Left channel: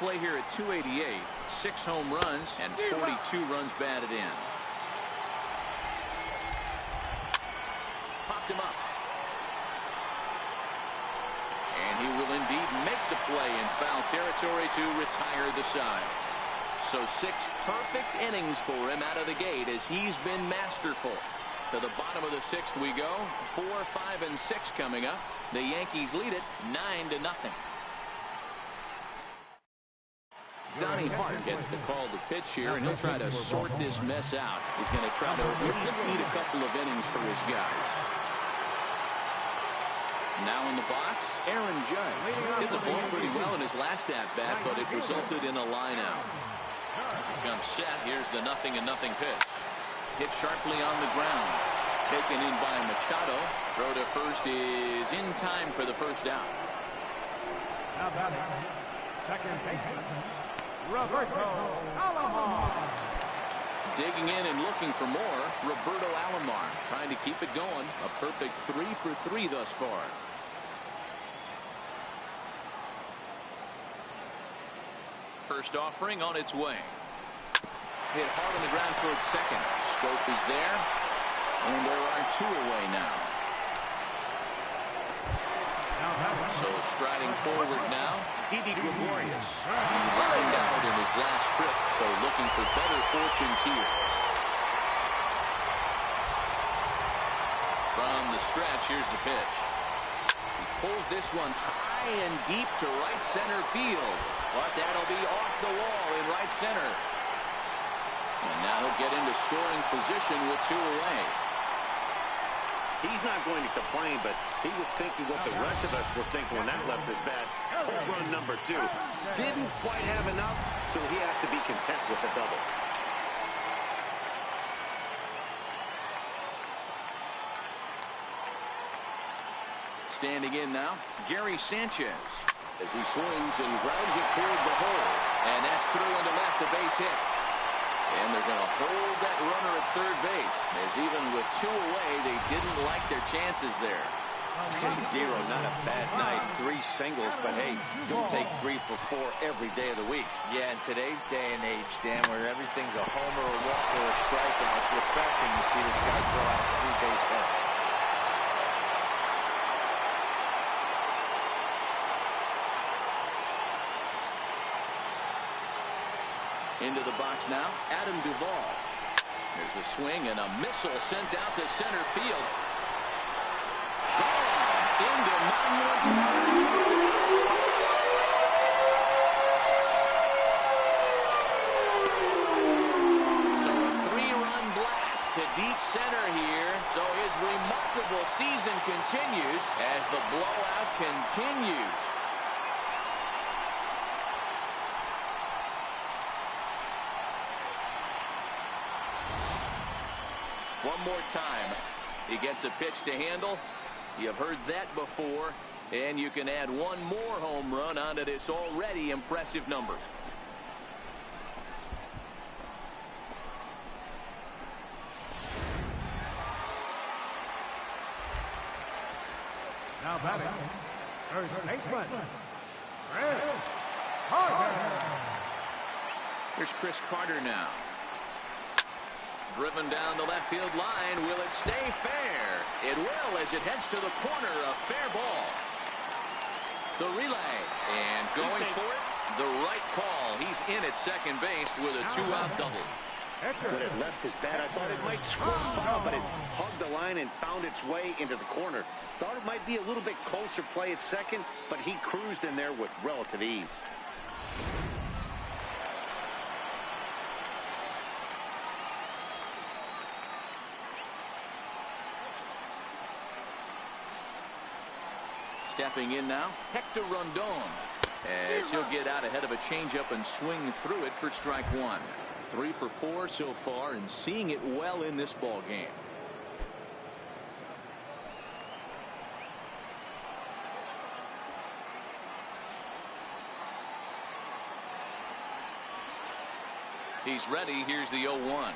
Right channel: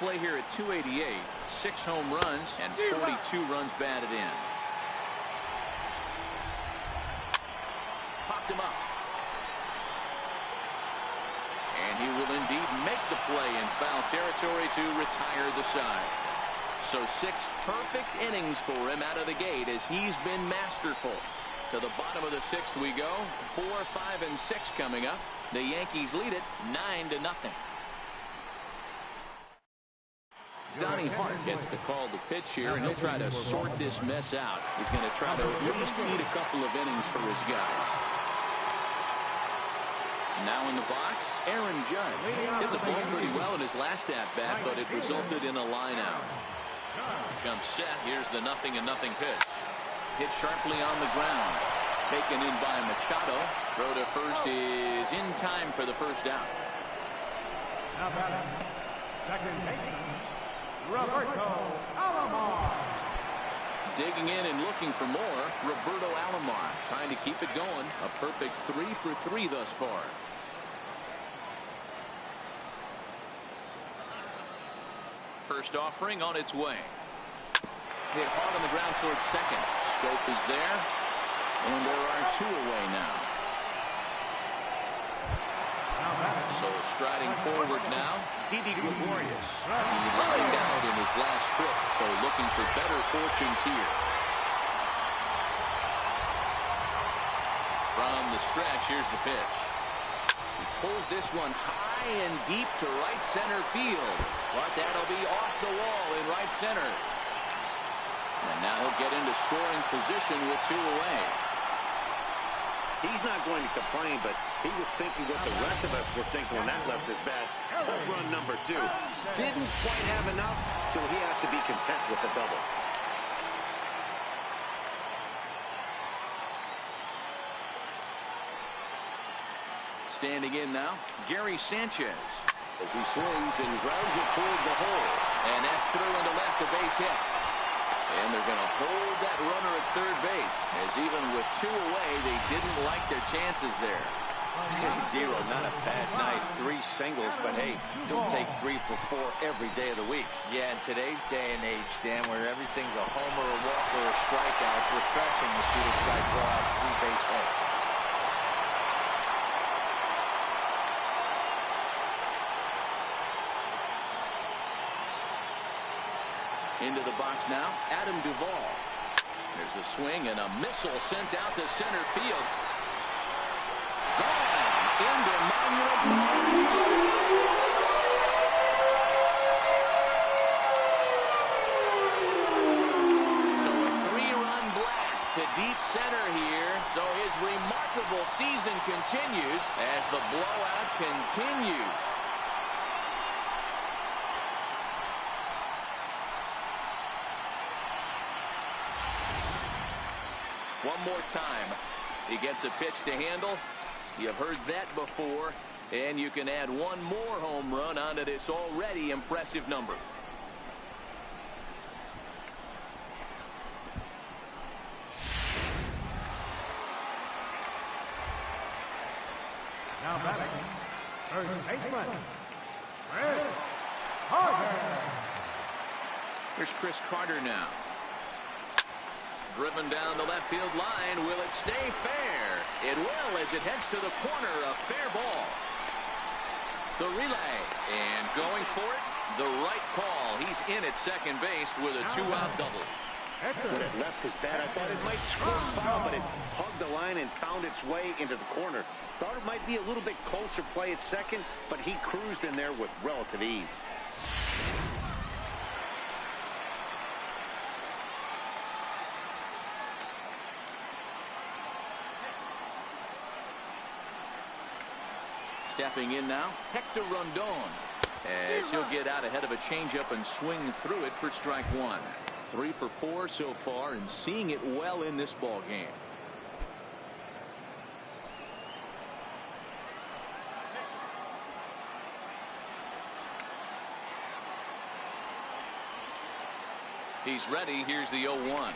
play here at 288, 6 home runs and 42 runs batted in. Popped him up. And he will indeed make the play in foul territory to retire the side. So 6 perfect innings for him out of the gate as he's been masterful. To the bottom of the 6th we go. 4, 5, and 6 coming up. The Yankees lead it 9-0. Donnie Hart gets the call to pitch here, and he'll try to sort this mess out. He's going to try to at least eat a couple of innings for his guys. Now in the box, Aaron Judge. Hit the ball pretty well in his last at-bat, but it resulted in a line-out. Here comes set. Here's the 0-0 pitch. Hit sharply on the ground. Taken in by Machado. Throw to first is in time for the first out. Now batting, second baseman, Roberto Alomar. Digging in and looking for more, Roberto Alomar trying to keep it going. A perfect 3 for 3 thus far. First offering on its way. Hit hard on the ground towards second. Scope is there, and there are 2 away now. So striding forward now, Didi Gregorius. He lined out in his last trip, so looking for better fortunes here. From the stretch, here's the pitch. He pulls this one high and deep to right center field, but that'll be off the wall in right center. And now he'll get into scoring position with 2 away. He's not going to complain, but he was thinking what the rest of us were thinking when that left his bat. Home run number 2. Didn't quite have enough, so he has to be content with the double. Standing in now, Gary Sanchez. As he swings and grounds it toward the hole. And that's through into left, a base hit. And they're going to hold that runner at third base, as even with 2 away, they didn't like their chances there. Hey, Dero, not a bad night. 3 singles, but hey, don't take 3 for 4 every day of the week. Yeah, in today's day and age, Dan, where everything's a homer, a walk, or a strikeout, it's refreshing to see this guy throw out 3 base hits. Into the box now, Adam Duvall. There's a swing and a missile sent out to center field. Gone into Monument Park. So a 3-run blast to deep center here. So his remarkable season continues as the blowout continues. One more time. He gets a pitch to handle. You've heard that before. And you can add 1 more home run onto this already impressive number. Now batting, first baseman, Chris Carter. Here's Chris Carter now. Driven down the left field line. Will it stay fair? It will as it heads to the corner. A fair ball. The relay. And going for it. The right call. He's in at second base with a 2-out double. When it left his bat, I thought it might score foul, but it hugged the line and found its way into the corner. Thought it might be a little bit closer play at second, but he cruised in there with relative ease. Stepping in now, Hector Rondon, as he'll get out ahead of a changeup and swing through it for strike 1. 3 for 4 so far and seeing it well in this ball game. He's ready. Here's the 0-1.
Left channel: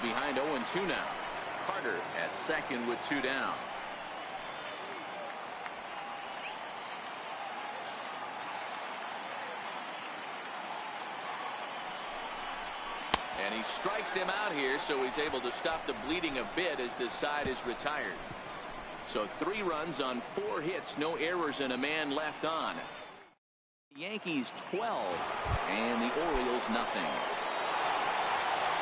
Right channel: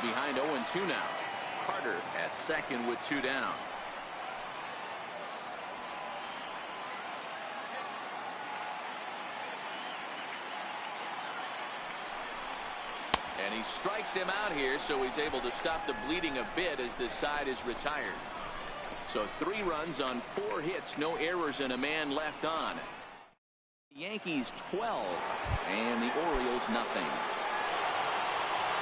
Behind 0-2 now. Carter at second with 2 down. And he strikes him out here, so he's able to stop the bleeding a bit as this side is retired. So 3 runs on 4 hits, no errors, and a man left on. Yankees 12 and the Orioles nothing.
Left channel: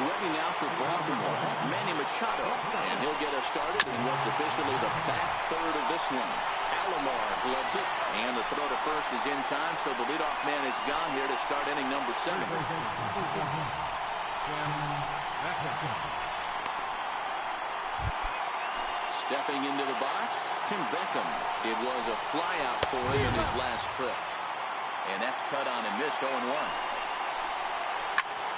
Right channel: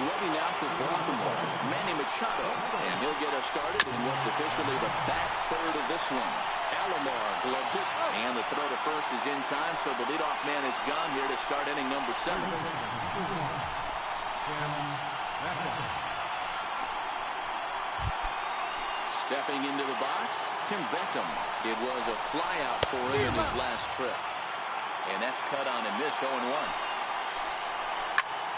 Ready now for Baltimore, Manny Machado, and he'll get us started in what's officially the back third of this one. Alomar gloves it, and the throw to first is in time, so the leadoff man is gone here to start inning number 7. Stepping into the box, Tim Beckham. It was a flyout for him in his last trip. And that's cut on and missed, 0-1.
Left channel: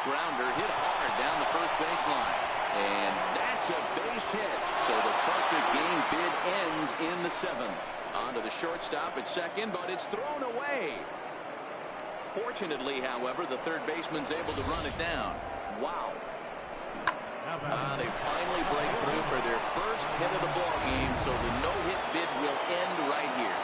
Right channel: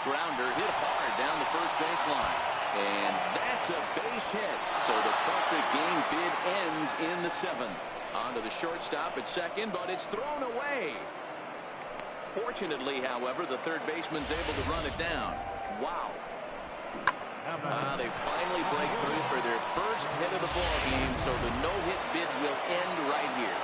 Grounder hit hard down the first baseline. And that's a base hit. So the perfect game bid ends in the 7th. On to the shortstop at second, but it's thrown away. Fortunately, however, the third baseman's able to run it down. Wow. They finally break through for their first hit of the ball game, so the no-hit bid will end right here.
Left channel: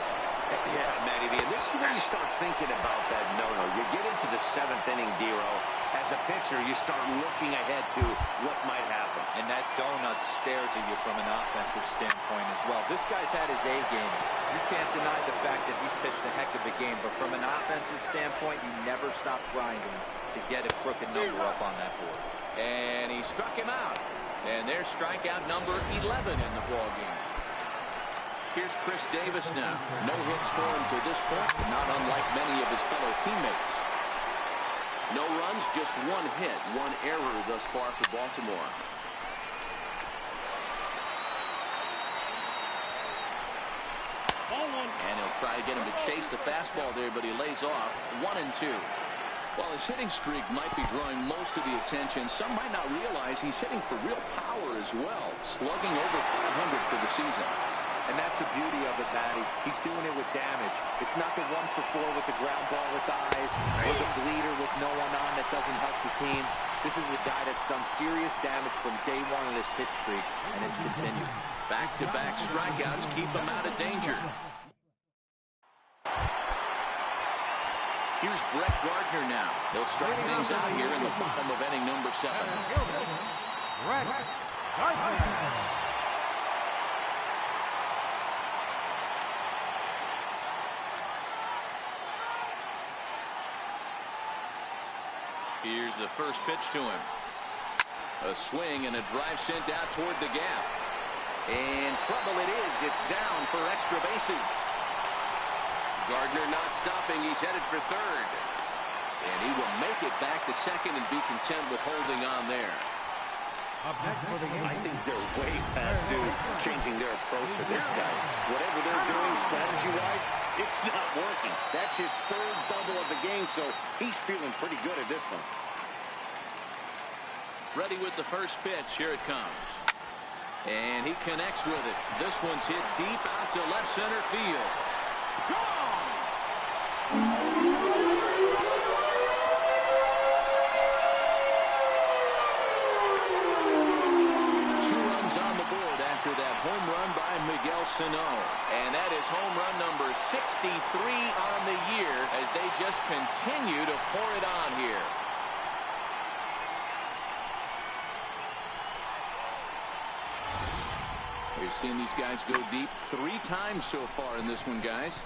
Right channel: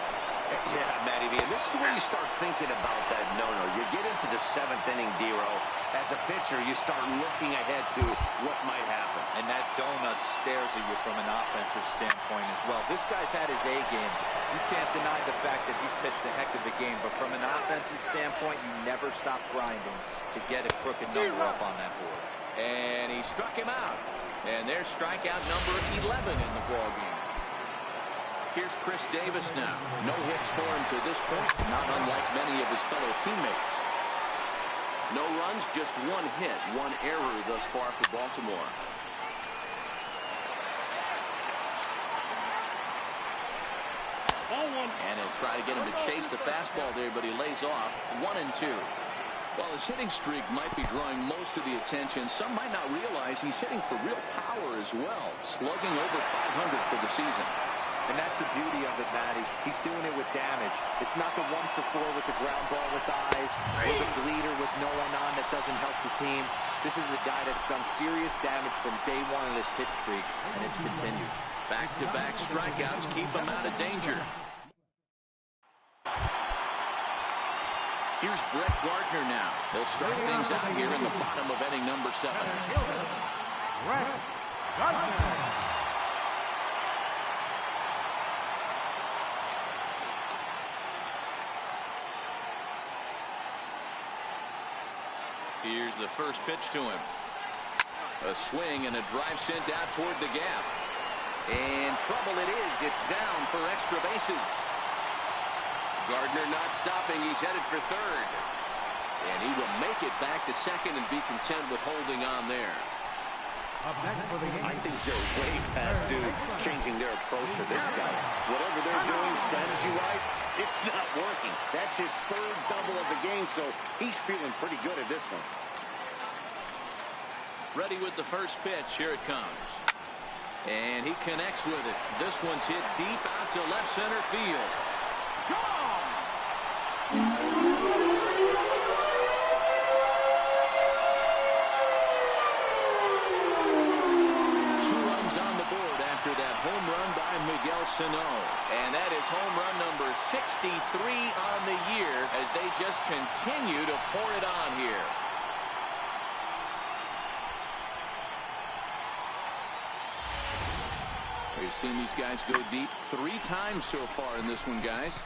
Yeah, Matty V, and this is where you start thinking about that no-no. You get into the 7th inning, D-Row. As a pitcher, you start looking ahead to what might happen. And that donut stares at you from an offensive standpoint as well. This guy's had his A game. You can't deny the fact that he's pitched a heck of a game, but from an offensive standpoint, you never stop grinding to get a crooked number up on that board. And he struck him out. And there's strikeout number 11 in the ball game. Here's Chris Davis now. No hits for him to this point, not unlike many of his fellow teammates. No runs, just 1 hit, 1 error thus far for Baltimore. And he'll try to get him to chase the fastball there, but he lays off. 1-2. While his hitting streak might be drawing most of the attention, some might not realize he's hitting for real power as well, slugging over 500 for the season. And that's the beauty of it, Matty. He's doing it with damage. It's not the 1-for-4 with the ground ball with eyes, or the bleeder with no one on that doesn't help the team. This is a guy that's done serious damage from day 1 of this hit streak, and it's continued. Back-to-back strikeouts keep him out of danger. Here's Brett Gardner now. They'll start things out here in the bottom of inning number 7. Brett Gardner. Here's the first pitch to him. A swing and a drive sent out toward the gap. And trouble it is. It's down for extra bases. Gardner not stopping. He's headed for third. And he will make it back to second and be content with holding on there. Up next for the Yankees. I think they're way past due changing their approach to this guy. Whatever they're doing strategy-wise, it's not working. That's his 3rd double of the game, so he's feeling pretty good at this one. Ready with the first pitch. Here it comes. And he connects with it. This one's hit deep out to left center field. Gone! 2 runs on the board after that home run by Miguel Sano. And that is home run number 63 on the year as they just continue to pour it on here. We've seen these guys go deep 3 times so far in this one, guys.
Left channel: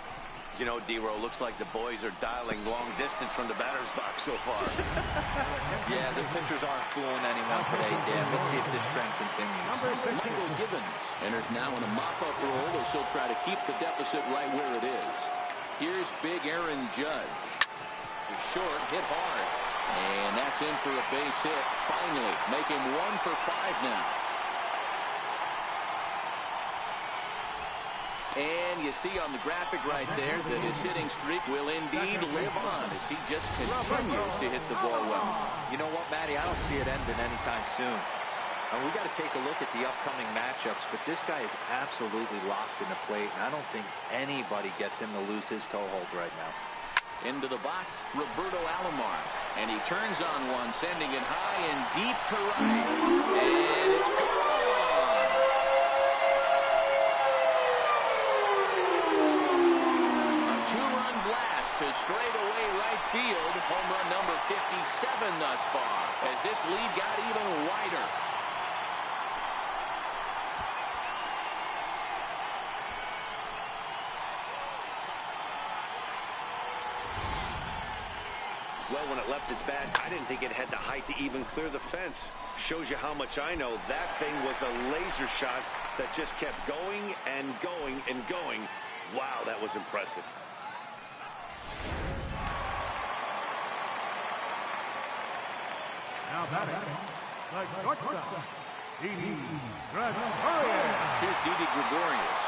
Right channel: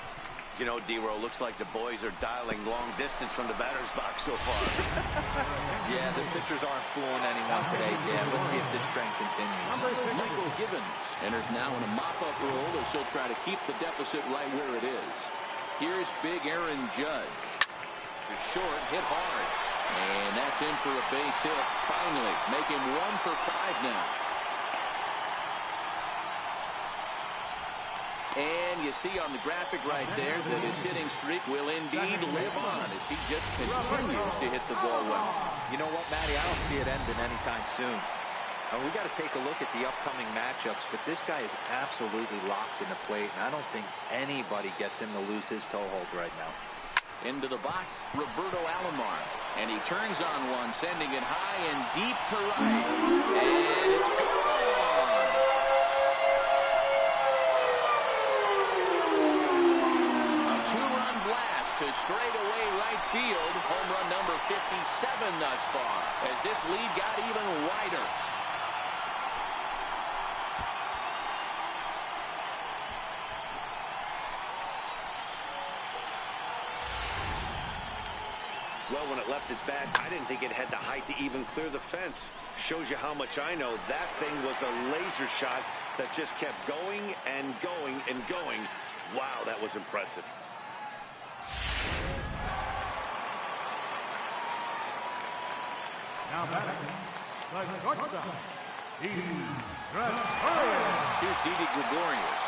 You know, D-Row, looks like the boys are dialing long distance from the batter's box so far. Yeah, the pitchers aren't fooling anyone today, Dan. Let's see if this trend continues. Michael Gibbons enters now in a mop-up role as he'll try to keep the deficit right where it is. Here's big Aaron Judge. To short, hit hard. And that's in for a base hit. Finally, make him 1 for 5 now. And you see on the graphic right there that his hitting streak will indeed live on as he just continues to hit the ball well. You know what, Matty? I don't see it ending anytime soon. And we got to take a look at the upcoming matchups, but this guy is absolutely locked in the plate, and I don't think anybody gets him to lose his toehold right now. Into the box, Roberto Alomar. And he turns on one, sending it high and deep to right. And it's gone. A 2-run blast to straightaway right field. Home run number 57 thus far, as this lead got even wider. Well, when it left its bat, I didn't think it had the height to even clear the fence. Shows you how much I know. That thing was a laser shot that just kept going and going and going. Wow, that was impressive. Now batting, the shortstop, Didi Gregorius. Here's Didi Gregorius.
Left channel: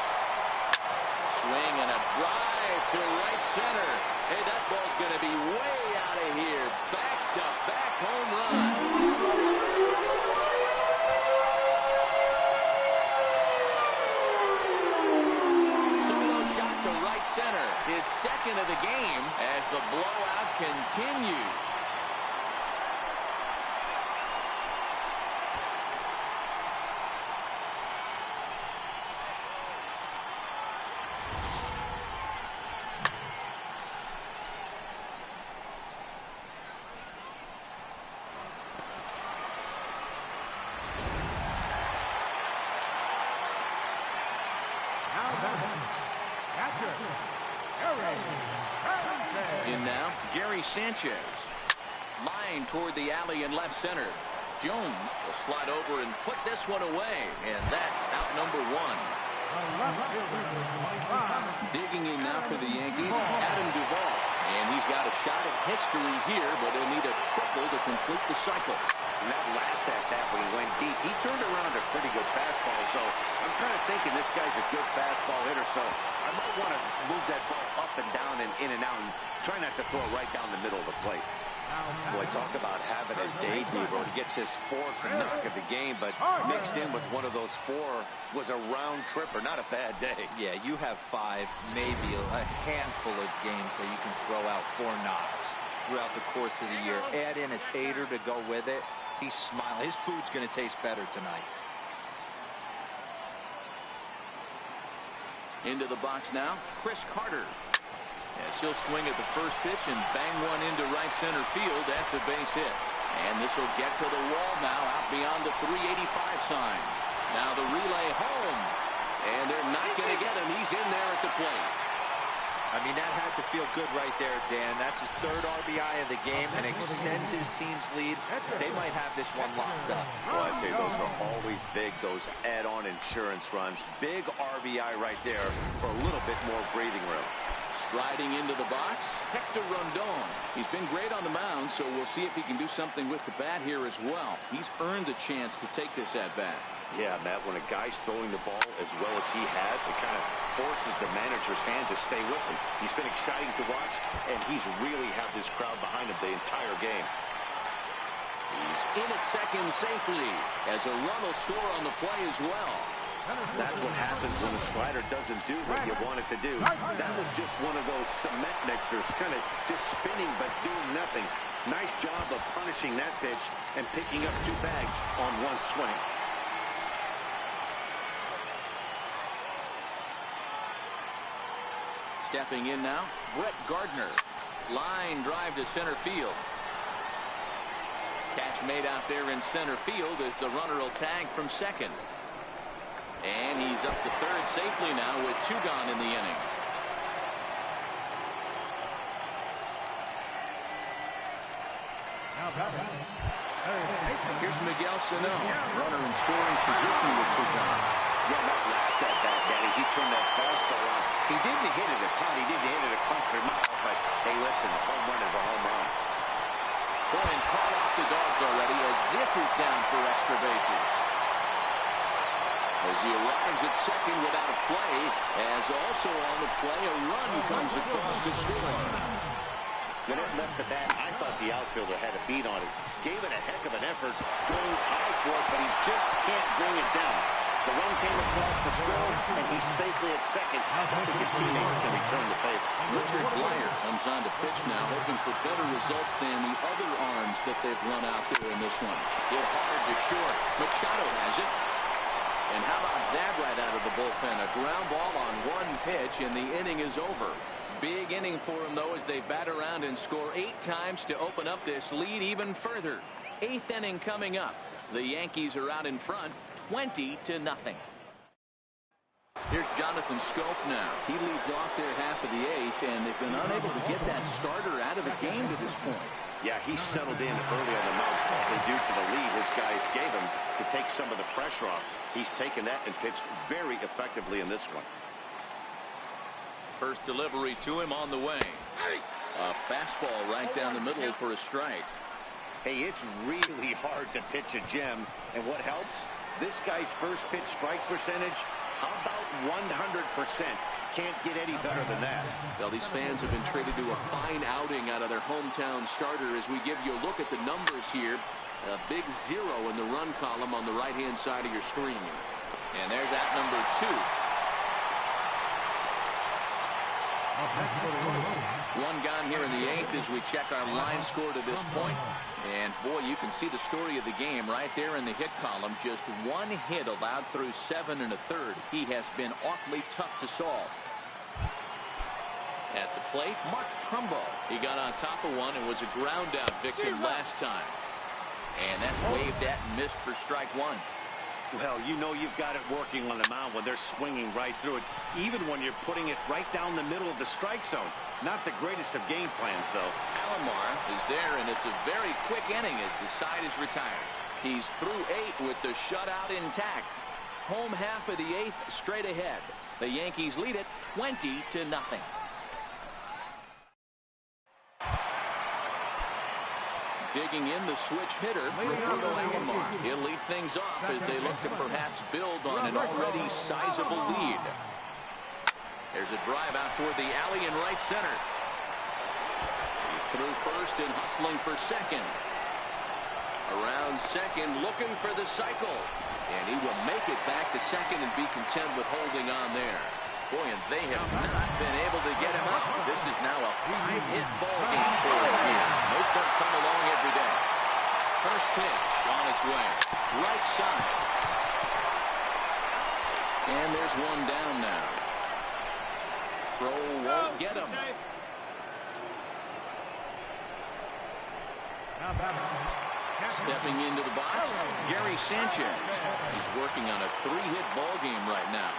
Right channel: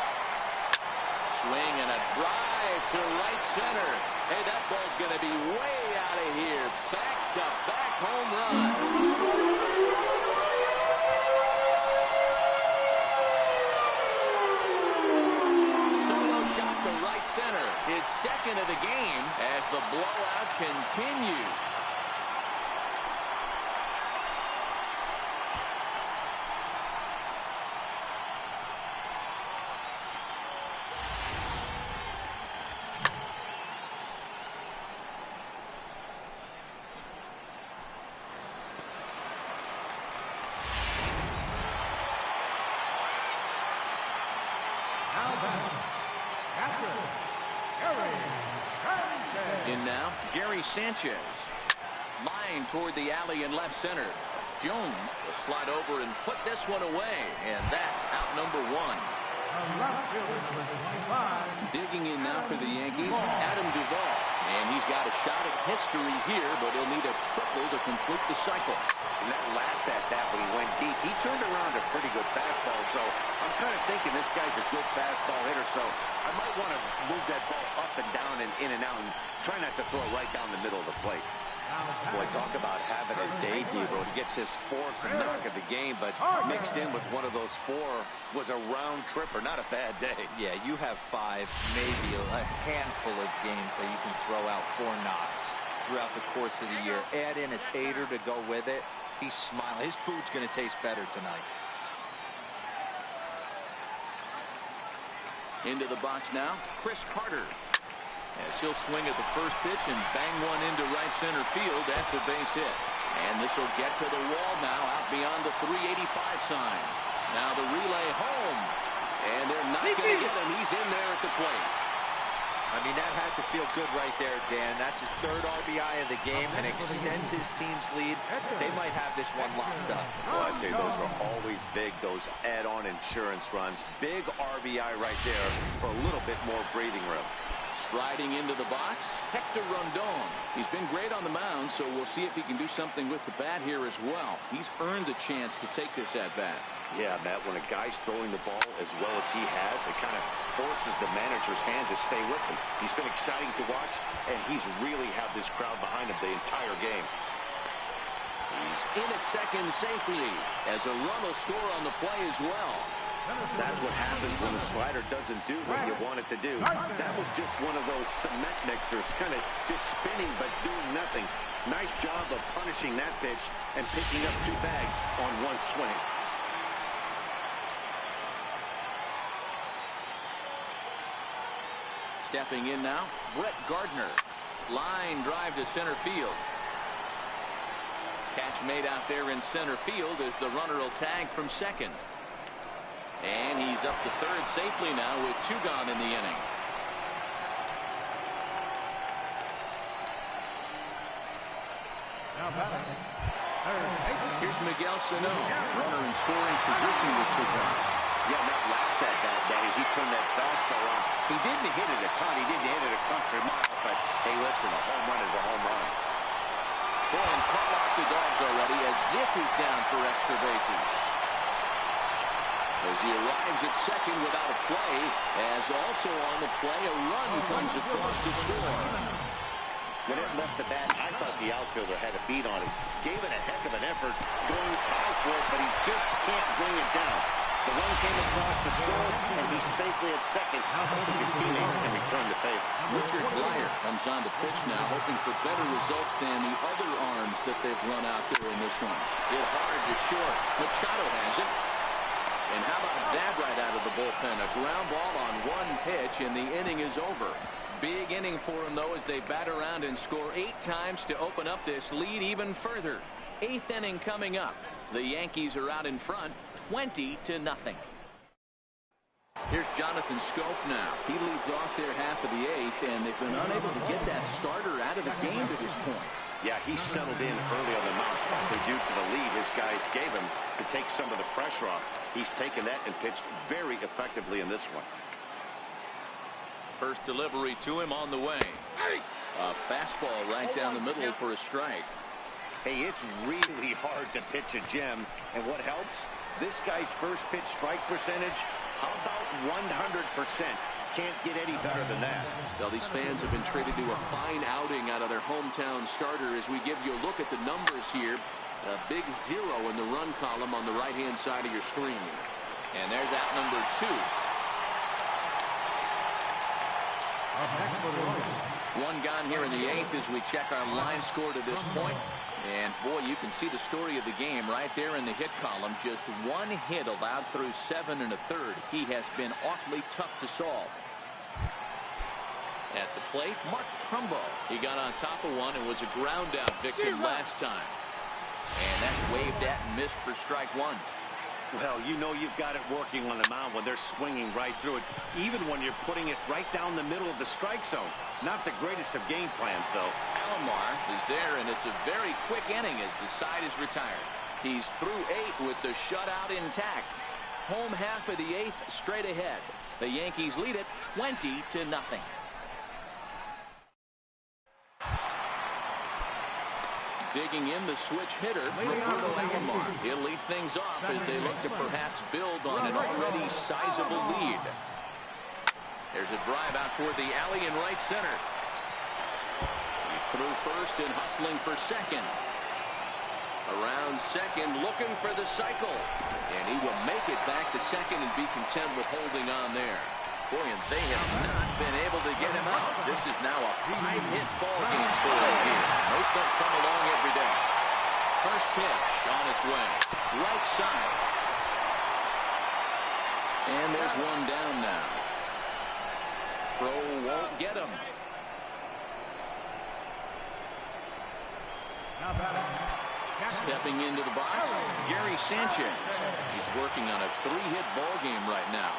Swing and a drive to right center. Hey, that ball's going to be way out of here. Back-to-back home run. Solo shot to right center. His second of the game as the blowout continues. Now batting, catcher, Gary Sanchez. In now, Gary Sanchez. Line toward the alley in left center. Jones will slide over and put this one away, and that's out number one. The left fielder, number 25. Digging in now for the Yankees, Adam Duvall. And he's got a shot at history here, but he'll need a triple to complete the cycle. And that last at-bat when he went deep, he turned around a pretty good fastball. So I'm kind of thinking this guy's a good fastball hitter. So I might want to move that ball up and down and in and out and try not to throw it right down the middle of the plate. Boy, talk about having a day, Debro. He gets his fourth knock of the game, but mixed in with one of those four was a round tripper. Not a bad day. Yeah, you have 5, maybe a handful of games that you can throw out 4 knocks throughout the course of the year. Add in a tater to go with it. He's smiling. His food's going to taste better tonight. Into the box now, Chris Carter. As he'll swing at the first pitch and bang one into right center field. That's a base hit. And this will get to the wall now, out beyond the 385 sign. Now the relay home. And they're not going to get him. He's in there at the plate. I mean, that had to feel good right there, Dan. That's his 3rd RBI of the game and extends his team's lead. They might have this one locked up. Well, I'd say those are always big, those add-on insurance runs. Big RBI right there for a little bit more breathing room. Striding into the box, Hector Rondon. He's been great on the mound, so we'll see if he can do something with the bat here as well. He's earned a chance to take this at-bat. Yeah, Matt, when a guy's throwing the ball as well as he has, it kind of forces the manager's hand to stay with him. He's been exciting to watch, and he's really had this crowd behind him the entire game. He's in at second safely, as a run will score on the play as well. That's what happens when a slider doesn't do what you want it to do. That was just one of those cement mixers, kind of just spinning but doing nothing. Nice job of punishing that pitch and picking up 2 bags on one swing. Stepping in now, Brett Gardner. Line drive to center field. Catch made out there in center field as the runner will tag from second. And he's up to third safely now with 2 gone in the inning. Now batting, Here's Miguel Sano, runner in scoring position with 2 gone. Yeah, that last at-bat, Daddy, he turned that fastball on. He didn't hit it a ton. He didn't hit it a country mile, but hey, listen, a home run is a home run. Boy, and call off the Dogs already as this is down for extra bases. As he arrives at second without a play, as also on the play, a run comes across to score. When it left the bat, I thought the outfielder had a beat on it. Gave it a heck of an effort, going high for it, but he just can't bring it down. The run came across to score, and he's safely at second, hoping his teammates can return the favor. Richard Blyer comes on to pitch now, hoping for better results than the other arms that they've run out there in this one. Hit hard to short. Machado has it. And how about that right out of the bullpen? A ground ball on 1 pitch, and the inning is over. big inning for them, though, as they bat around and score 8 times to open up this lead even further. 8th inning coming up. The Yankees are out in front, 20-0. Here's Jonathan Scope now. He leads off their half of the 8th, and they've been unable to get that starter out of the game to this point. Yeah, he settled in early on the mound, probably due to the lead his guys gave him to take some of the pressure off. He's taken that and pitched very effectively in this one. First delivery to him on the way. A fastball right down the middle for a strike. Hey, it's really hard to pitch a gem, and what helps? This guy's first pitch strike percentage, how about 100%? Can't get any better than that. Well, these fans have been treated to a fine outing out of their hometown starter as we give you a look at the numbers here. A big 0 in the run column on the right-hand side of your screen. And there's at number 2. Up next for the Orioles. 1 gone here in the 8th as we check our line score to this point. And boy, you can see the story of the game right there in the hit column. Just 1 hit allowed through 7 1/3. He has been awfully tough to solve. At the plate, Mark Trumbo. He got on top of one and was a ground out victim last time. And that's waved at and missed for strike 1. Well, you know you've got it working on the mound when they're swinging right through it, even when you're putting it right down the middle of the strike zone. Not the greatest of game plans, though. Alomar is there, and it's a very quick inning as the side is retired. He's through 8 with the shutout intact. Home half of the 8th straight ahead. The Yankees lead it 20-0. Digging in the switch hitter, Roberto Alomar. He'll lead things off as they look to perhaps build on an already sizable lead. There's a drive out toward the alley in right center. He's through first and hustling for second. Around second, looking for the cycle. And he will make it back to second and be content with holding on there. Boy, and they have not been able to get him out. This is now a 5-hit ball game for him here. Those don't come along every day. First pitch on its way. Right side. And there's 1 down now. Throw won't get him. Now batting. Stepping into the box, Gary Sanchez. He's working on a 3-hit ball game right now.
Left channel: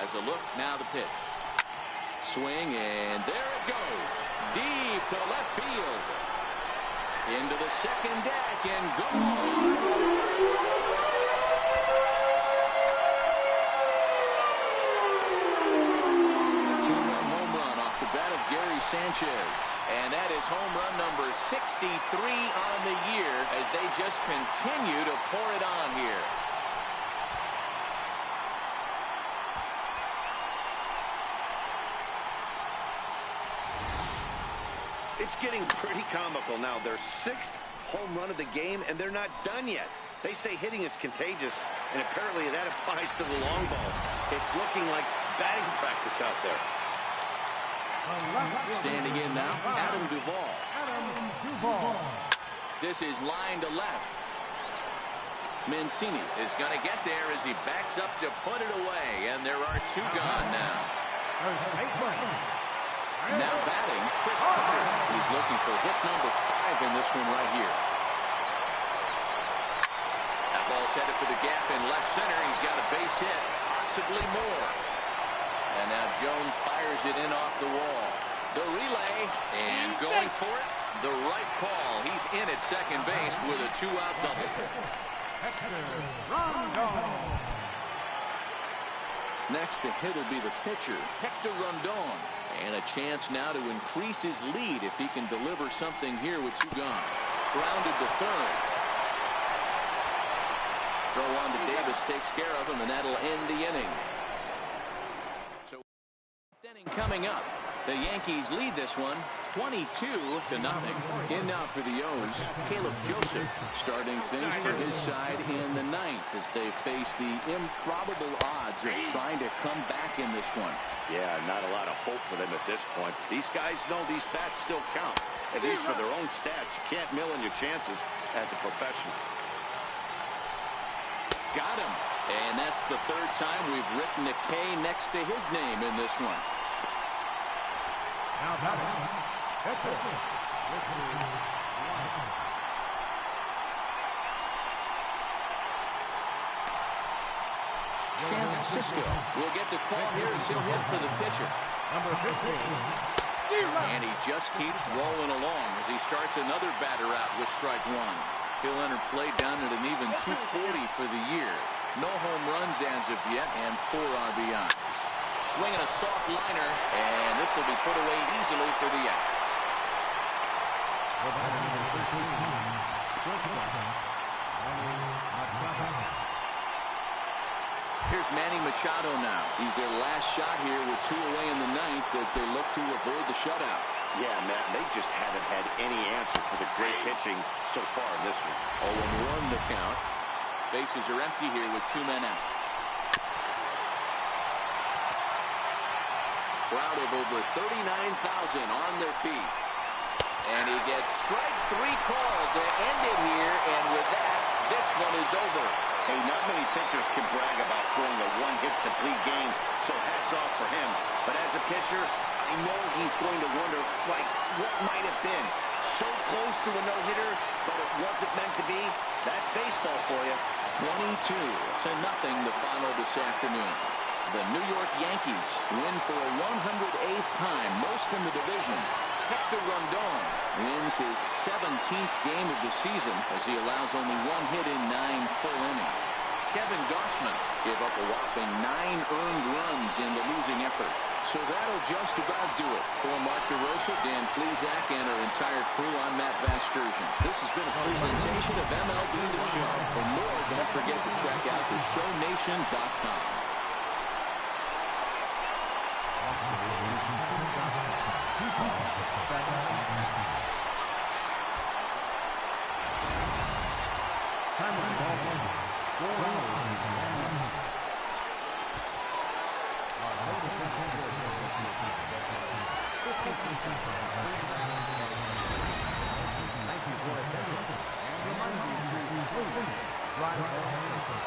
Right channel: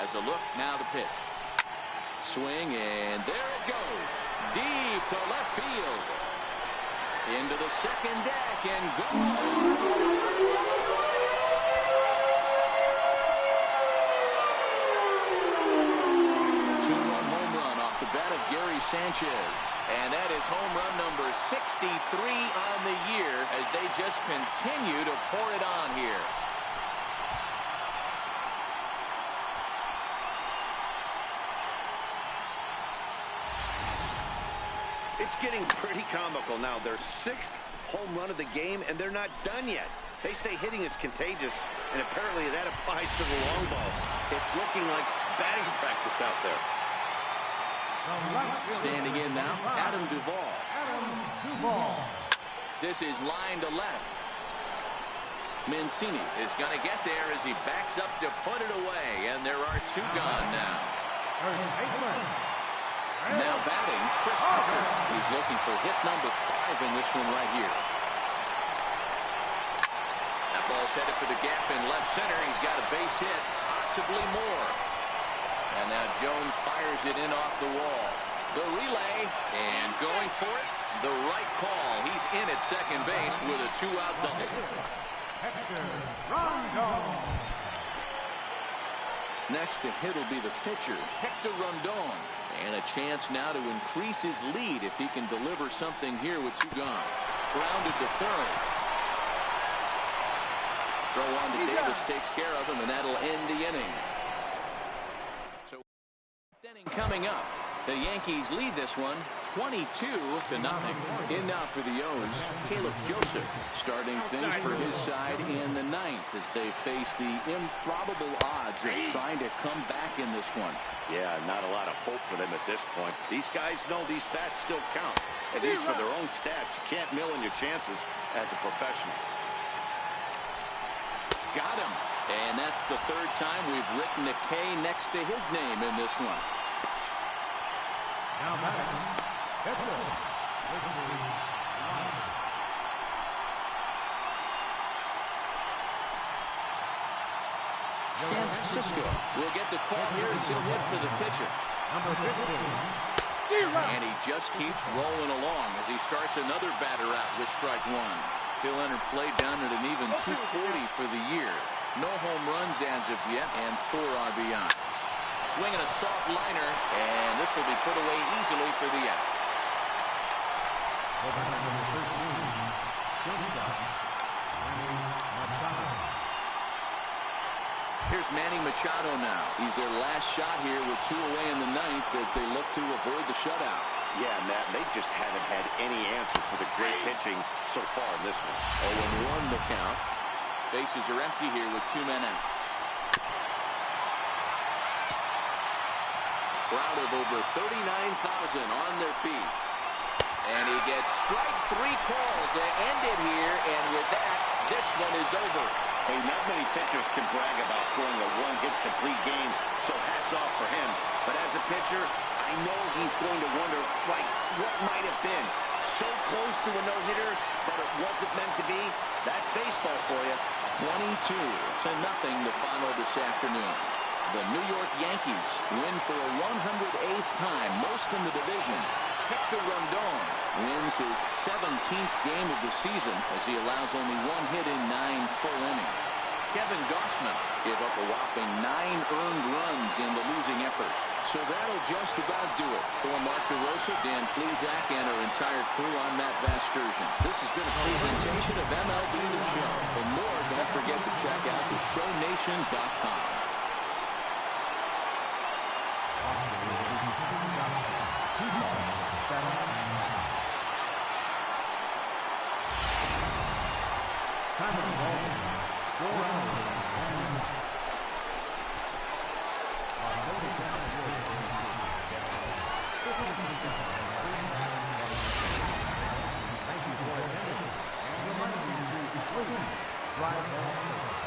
As a look, now the pitch. Swing, and there it goes. Deep to left field. Into the second deck, and gone. 2-run home run off the bat of Gary Sanchez. And that is home run number 63 on the year as they just continue to pour it on here. It's getting pretty comical now. Their 6th home run of the game, and they're not done yet. They say hitting is contagious, and apparently that applies to the long ball. It's looking like batting practice out there. Standing in now, Adam Duvall. This is line to left. Mancini is going to get there as he backs up to put it away, and there are 2 gone now. Now batting, Chris Tucker. He's looking for hit number 5 in this one right here. That ball's headed for the gap in left center. He's got a base hit, possibly more. And now Jones fires it in off the wall. The relay, and going for it, the right call. He's in at second base with a 2-out double. Hector Rondon. Next to hit will be the pitcher, Hector Rondon. And a chance now to increase his lead if he can deliver something here with 2 gone. Grounded to third. Throw on to Davis takes care of him, and that'll end the inning. So, inning coming up. The Yankees lead this one 22-0. In now for the O's, Caleb Joseph starting things for his side in the 9th as they face the improbable odds of trying to come back in this one. Yeah, not a lot of hope for them at this point. These guys know these bats still count, at least for their own stats. You can't mill in your chances as a professional. Got him. And that's the third time we've written a K next to his name in this one. Now batting, pitcher, Richard White. Chance Cisco will get the call here as he'll hit for the pitcher. Number 15. And he just keeps rolling along as he starts another batter out with strike one. He'll enter play down at an even 240 for the year. No home runs as of yet and 4 RBIs. Swinging a soft liner, and this will be put away easily for the out. The batter, number 13, shortstop, Manny Machado. Here's Manny Machado now. He's their last shot here with 2 away in the ninth as they look to avoid the shutout. Yeah, Matt, they just haven't had any answer for the great pitching so far in this one. 0-1 the count. Bases are empty here with 2 men out. Crowd of over 39,000 on their feet. And he gets strike 3 called to end it here, and with that, this one is over. Hey, not many pitchers can brag about throwing a one-hit complete game, so hats off for him. But as a pitcher, I know he's going to wonder, like, what might have been? So close to a no-hitter, but it wasn't meant to be. That's baseball for you. 22-0 the final this afternoon. The New York Yankees win for a 108th time, most in the division. Hector Rondon wins his 17th game of the season as he allows only 1 hit in 9 full innings. Kevin Gausman gave up a whopping 9 earned runs in the losing effort. So that'll just about do it. For Mark DeRosa, Dan Plesac, and our entire crew, I'm Matt Vasgersian. This has been a presentation of MLB The Show. For more, don't forget to check out theshownation.com. Time of the ball, 4 hours and 1 minute. October 24th, 50%. Thank you for attending, and remind you to complete drive ball.